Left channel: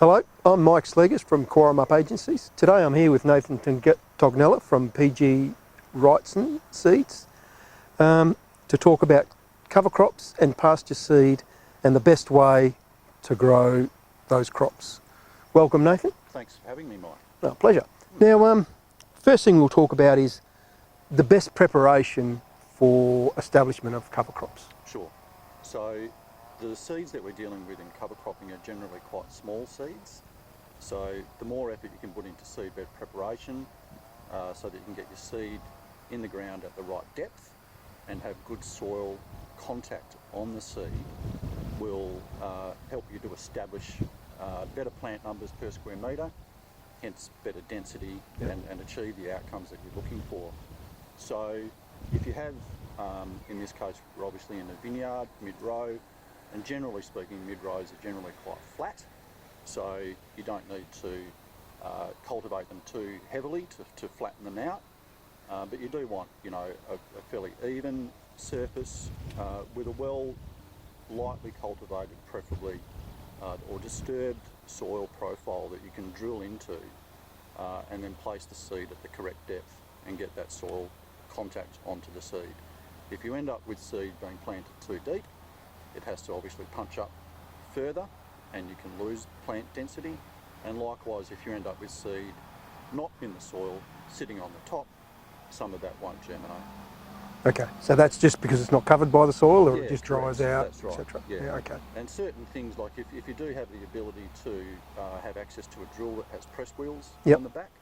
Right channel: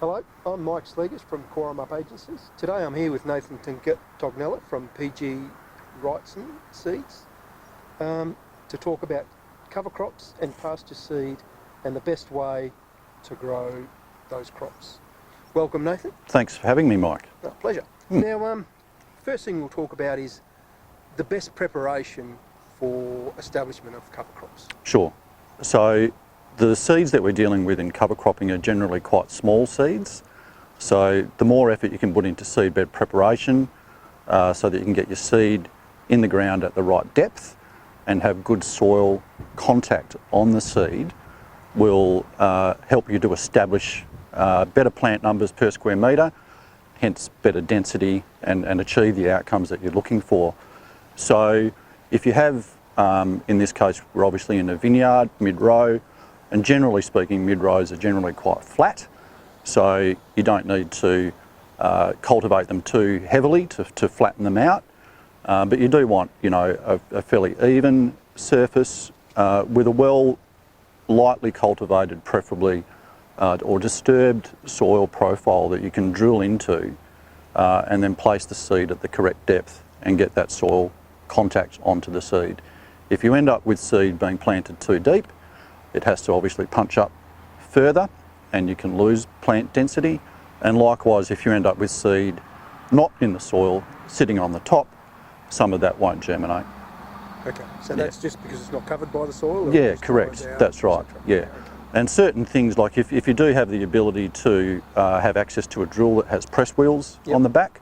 Hello, I'm Mike Sleegers from Cowaramup Agencies. Today I'm here with Nathan Tognela from PG Wrightson Seeds to talk about cover crops and pasture seed and the best way to grow those crops. Welcome, Nathan. Thanks for having me, Mike. No, pleasure. Now, first thing we'll talk about is the best preparation for establishment of cover crops. Sure. So the seeds that we're dealing with in cover cropping are generally quite small seeds. So the more effort you can put into seed bed preparation so that you can get your seed in the ground at the right depth and have good soil contact on the seed will help you to establish better plant numbers per square metre, hence better density and achieve the outcomes that you're looking for. So if you have, in this case, we're obviously in a vineyard, mid-row, and generally speaking, mid-rows are generally quite flat, so you don't need to cultivate them too heavily to flatten them out. But you do want, you know, a fairly even surface with a lightly cultivated, preferably, or disturbed soil profile that you can drill into and then place the seed at the correct depth and get that soil contact onto the seed. If you end up with seed being planted too deep, it has to obviously punch up further and you can lose plant density. And likewise, if you end up with seed not in the soil, sitting on the top, some of that won't germinate. Okay, so that's just because it's not covered by the soil? Or Yeah, it just correct, dries out, that's right, yeah. Okay. And certain things, like if you do have the ability to have access to a drill that has press wheels on the back,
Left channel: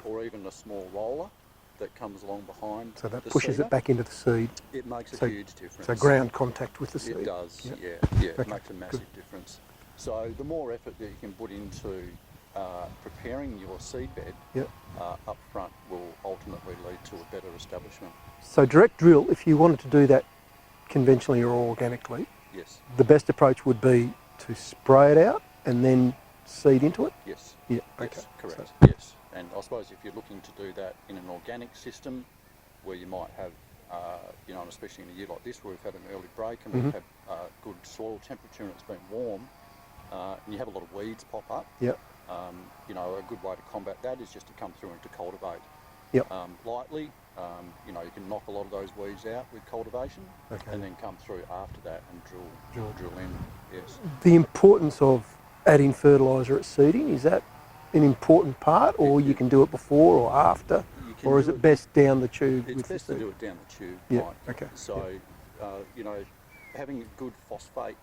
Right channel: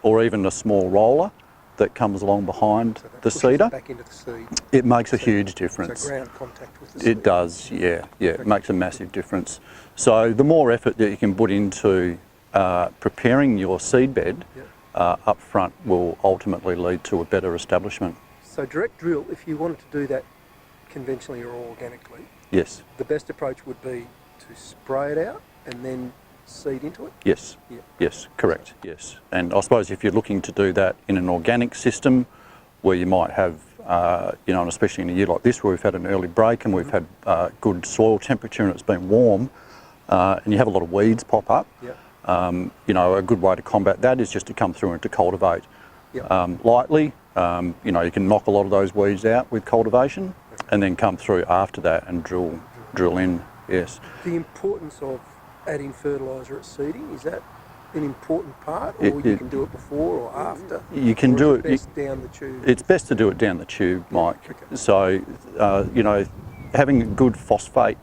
or even a small roller that comes along behind so that the pushes seeder, it back into the seed. it makes a huge difference. So ground contact with the seed. It does, yeah, Okay. it makes a massive difference. So the more effort that you can put into preparing your seed bed up front will ultimately lead to a better establishment. So direct drill, if you wanted to do that conventionally or organically, Yes. the best approach would be to spray it out and then seed into it? Yes. Yeah. Yes, correct, yes. And I suppose if you're looking to do that in an organic system where you might have, you know, and especially in a year like this where we've had an early break and we've had good soil temperature and it's been warm and you have a lot of weeds pop up, you know, a good way to combat that is just to come through and to cultivate lightly. You know, you can knock a lot of those weeds out with cultivation and then come through after that and drill in, yes. The importance of adding fertiliser at seeding, is that an important part, or you can do it before or after? You can or do is it best down the tube? It's best to do it down the tube, Mike. Okay. So, you know, having good phosphate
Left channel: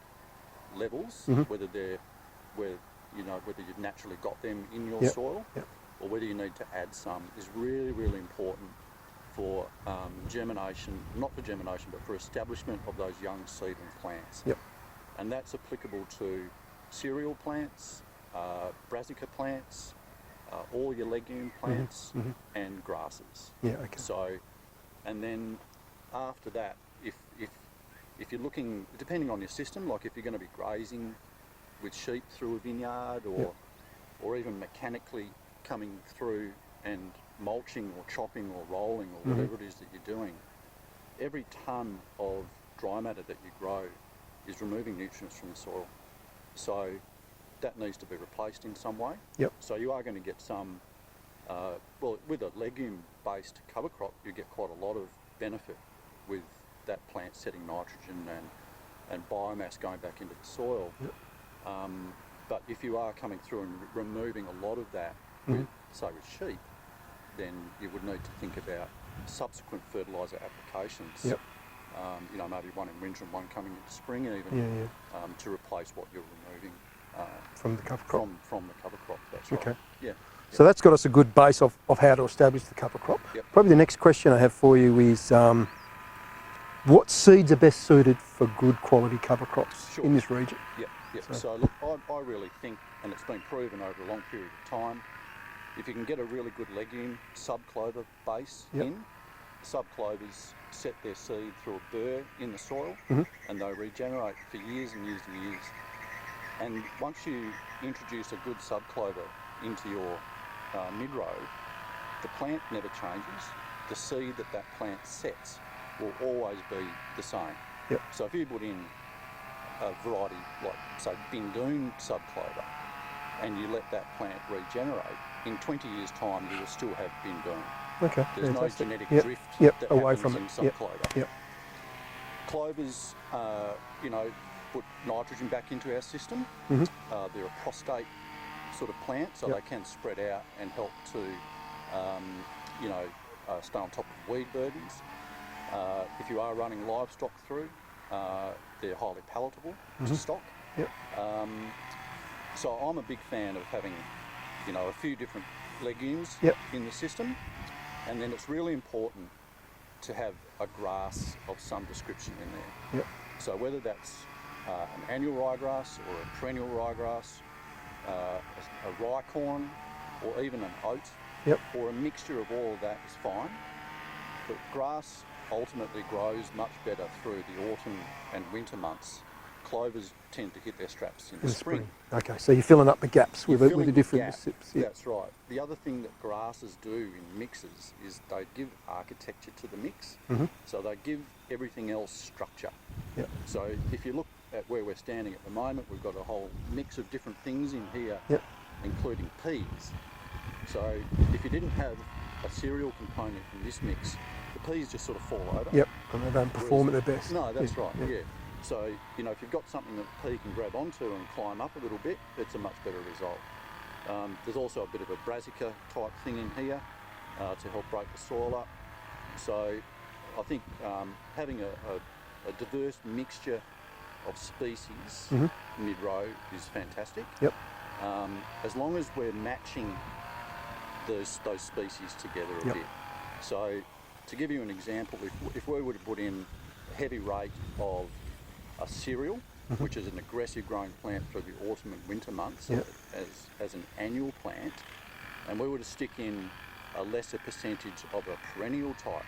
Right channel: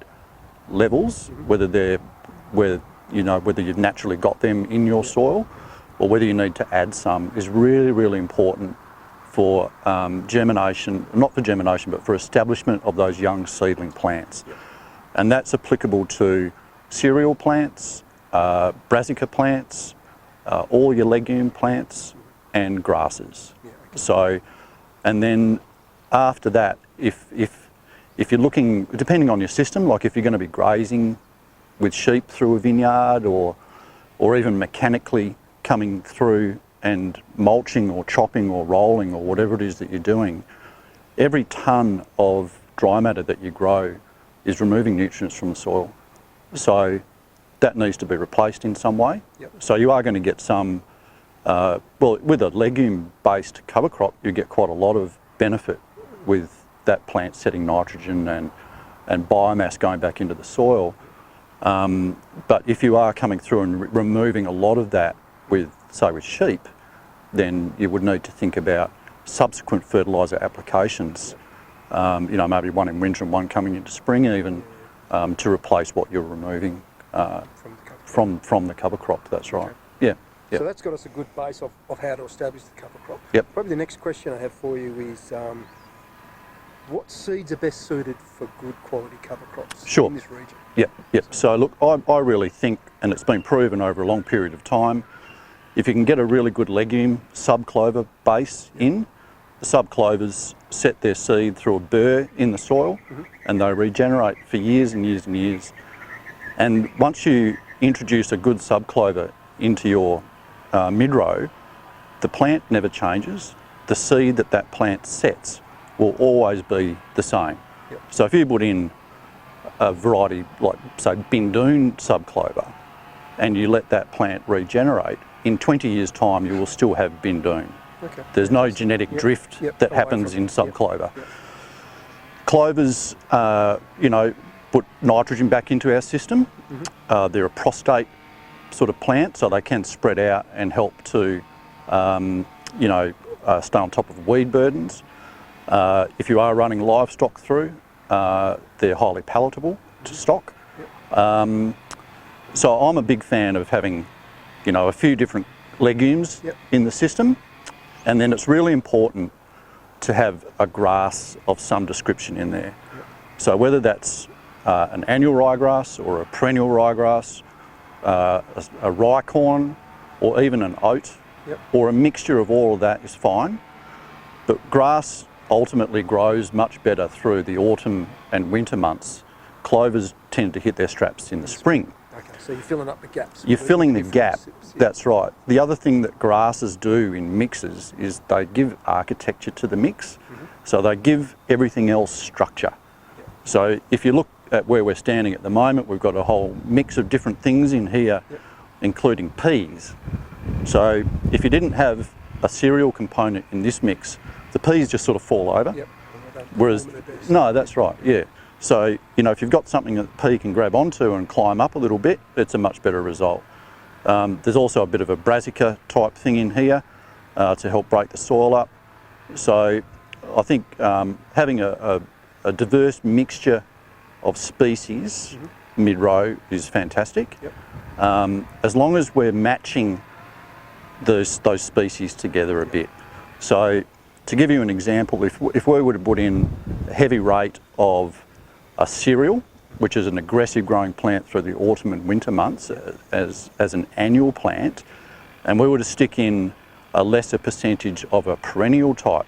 levels, whether you've naturally got them in your soil or whether you need to add some, is really, really important for germination, not for germination, but for establishment of those young seedling plants. And that's applicable to cereal plants, brassica plants, all your legume plants and grasses. So, and then after that, if you're looking, depending on your system, like if you're going to be grazing with sheep through a vineyard or even mechanically coming through and mulching or chopping or rolling or whatever it is that you're doing, every tonne of dry matter that you grow is removing nutrients from the soil. So that needs to be replaced in some way. So you are going to get some, well, with a legume-based cover crop, you get quite a lot of benefit with that plant setting nitrogen and biomass going back into the soil. But if you are coming through and removing a lot of that with, say, with sheep, then you would need to think about subsequent fertiliser applications. You know, maybe one in winter and one coming into spring even, to replace what you're removing from the cover crop. That's right. So that's got us a good base of how to establish the cover crop. Probably the next question I have for you is what seeds are best suited for good quality cover crops in this region? So look, I really think, and it's been proven over a long period of time, if you can get a really good legume subclover base in, the subclovers set their seed through a burr in the soil and they regenerate for years and years and years. And once you introduce a good subclover into your mid-row, the plant never changes. The seed that plant sets will always be the same. So if you put in a variety like, say, Bindoon subclover, and you let that plant regenerate, in 20 years' time you will still have bin doom. Okay. There's no genetic drift that away happens from in it. subclover. Yep. Clovers, you know, put nitrogen back into our system. They're a prostate sort of plant, so they can spread out and help to, you know, stay on top of weed burdens. If you are running livestock through, they're highly palatable to stock. Yep. So I'm a big fan of having, you know, a few different legumes in the system, and then it's really important to have a grass of some description in there. Yep. So whether that's an annual ryegrass or a perennial ryegrass, a rye corn, or even an oat, or a mixture of all of that is fine. But grass ultimately grows much better through the autumn and winter months. Clovers tend to hit their straps in the spring. Okay, so you're filling up the gaps. You're filling the gap, sips, that's right. The other thing that grasses do in mixes is they give architecture to the mix, so they give everything else structure. So if you look at where we're standing at the moment, we've got a whole mix of different things in here, including peas. So if you didn't have a cereal component in this mix, the peas just sort of fall over. Yep, and they don't perform at their best. No, that's right, yeah. So, you know, if you've got something that the pea can grab onto and climb up a little bit, it's a much better result. There's also a bit of a brassica type thing in here to help break the soil up. So I think having a diverse mixture of species mid-row is fantastic. Yep. As long as we're matching those species together a bit. So to give you an example, if we were to put in a heavy rate of a cereal, which is an aggressive growing plant through the autumn and winter months as an annual plant, and we were to stick in a lesser percentage of a perennial type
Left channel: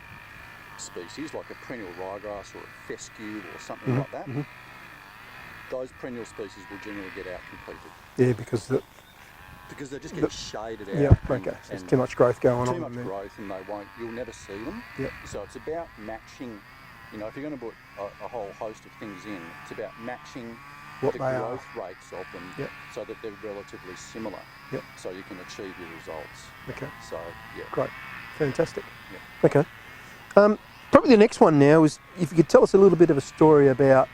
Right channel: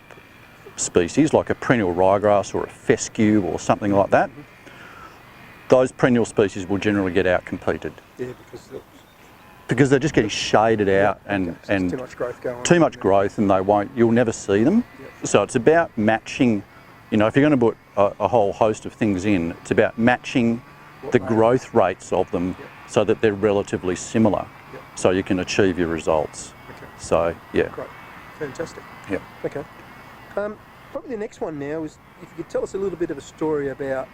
species, like a perennial ryegrass or a fescue or something like that, those perennial species will generally get out-competed. Yeah, because they're just getting shaded out and so there's too much growth going on. Too much growth, and you'll never see them. So it's about matching, you know, if you're going to put a whole host of things in, it's about matching the growth rates of them so that they're relatively similar, so you can achieve your results. Okay. So, yeah. Great. Fantastic. Yeah. Okay. Probably the next one now is if you could tell us a little bit of a story about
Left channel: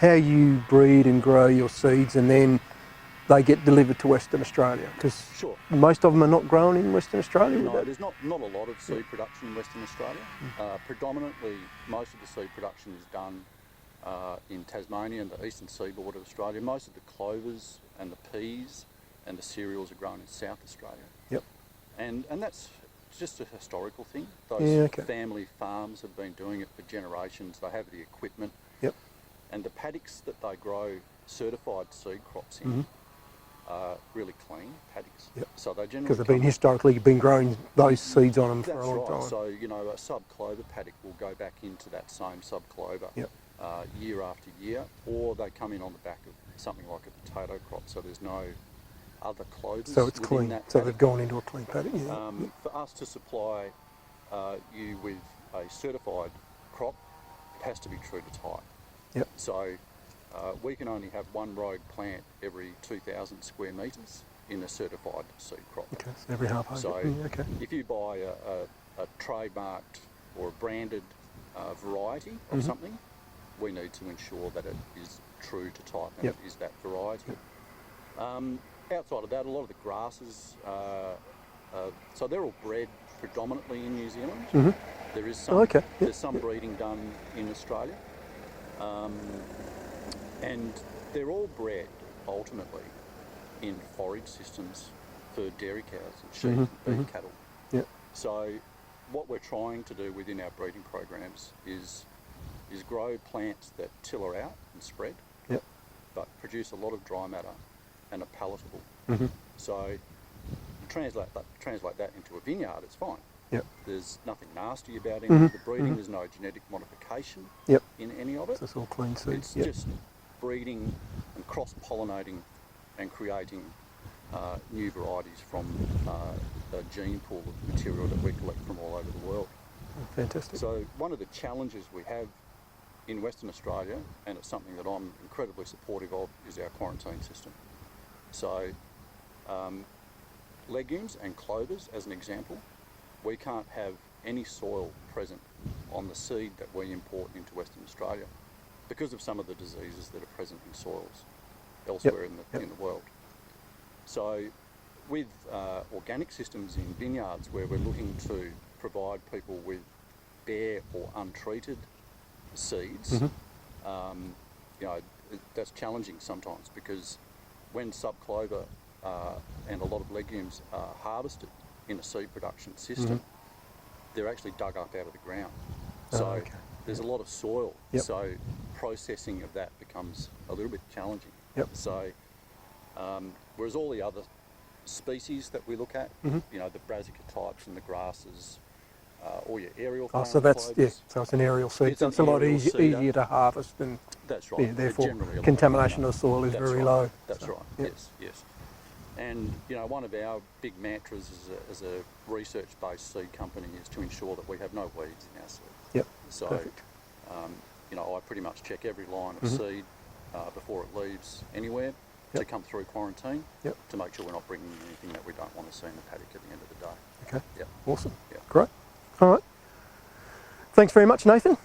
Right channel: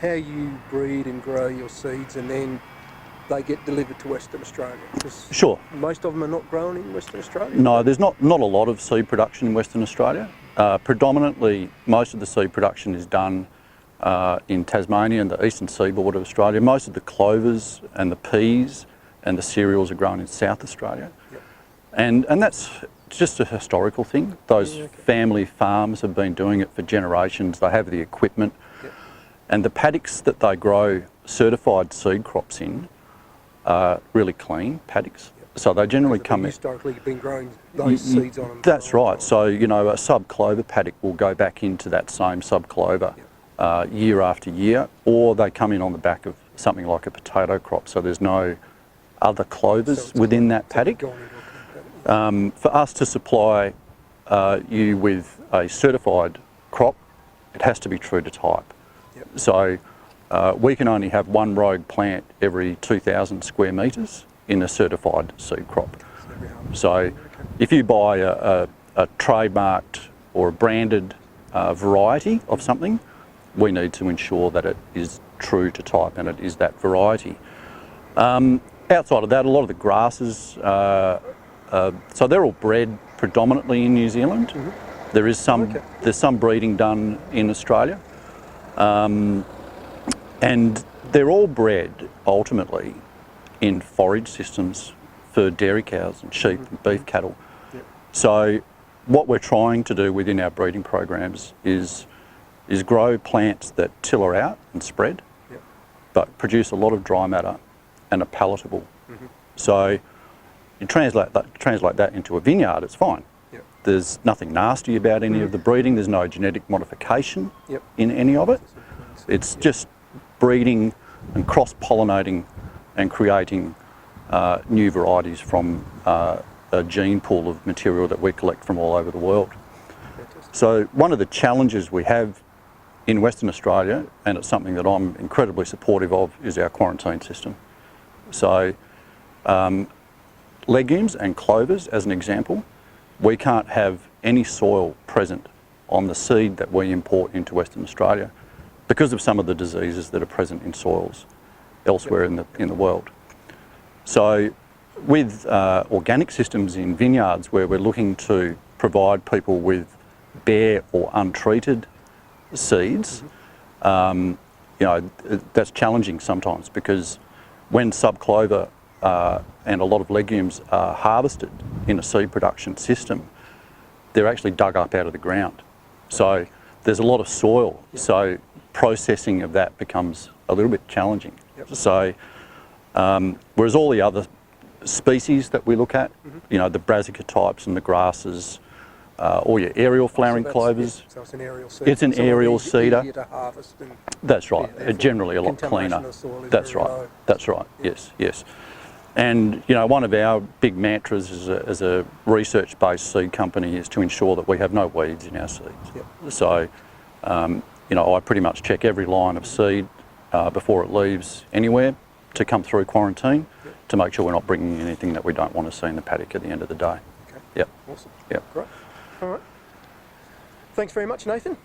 how you breed and grow your seeds and then they get delivered to Western Australia. Sure. Most of them are not grown in Western Australia? No, there's not a lot of seed production in Western Australia. Predominantly, most of the seed production is done in Tasmania and the eastern seaboard of Australia. Most of the clovers and the peas and the cereals are grown in South Australia. Yep. And that's just a historical thing. Those family farms have been doing it for generations. They have the equipment. Yep. And the paddocks that they grow certified seed crops in are really clean paddocks. Yep. So they generally come in. Historically been growing those seeds on them. That's right. So, you know, a sub-clover paddock will go back into that same sub-clover year after year, or they come in on the back of something like a potato crop. So there's no other clovers within that paddock. Going into a clean paddock. For us to supply you with a certified crop, it has to be true to type. Yep. So we can only have one rogue plant every 2,000 square metres in a certified seed crop. Okay, so every harvest. So if you buy a trademarked or a branded variety of something, we need to ensure that it is true to type and it is that variety. Outside of that, a lot of the grasses, so they're all bred predominantly in New Zealand. There is some, there's some breeding done in Australia. And they're all bred ultimately in forage systems for dairy cows and sheep and beef cattle. Yep. So what we're trying to do within our breeding programs is grow plants that tiller out and spread, but produce a lot of dry matter and are palatable. So you translate that into a vineyard, it's fine. Yep. There's nothing nasty about any of the breeding. There's no genetic modification in any of it. It's all clean seed. It's just breeding and cross-pollinating and creating new varieties from a gene pool of material that we collect from all over the world. Fantastic. So one of the challenges we have in Western Australia, and it's something that I'm incredibly supportive of, is our quarantine system. So Legumes and clovers, as an example, we can't have any soil present on the seed that we import into Western Australia because of some of the diseases that are present in soils elsewhere in the world. So with organic systems in vineyards where we're looking to provide people with bare or untreated seeds, you know, that's challenging sometimes, because when subclover and a lot of legumes are harvested in a seed production system, they're actually dug up out of the ground. So there's a lot of soil. So processing of that becomes a little bit challenging. So whereas all the other species that we look at, you know, the brassica types and the grasses, or your aerial flowering clovers. So it's an aerial seed. It's an aerial seeder. Easier to harvest. And that's right. Generally a lot cleaner. Contamination of soil is that's very right. low. That's right. Yes, yes. And you know, one of our big mantras as a research-based seed company is to ensure that we have no weeds in our seeds. So, you know, I pretty much check every line of seed before it leaves anywhere to come through quarantine to make sure we're not bringing in anything that we don't want to see in the paddock at the end of the day. Okay. Yep. Awesome. Yep. Great. All right. Thanks very much, Nathan.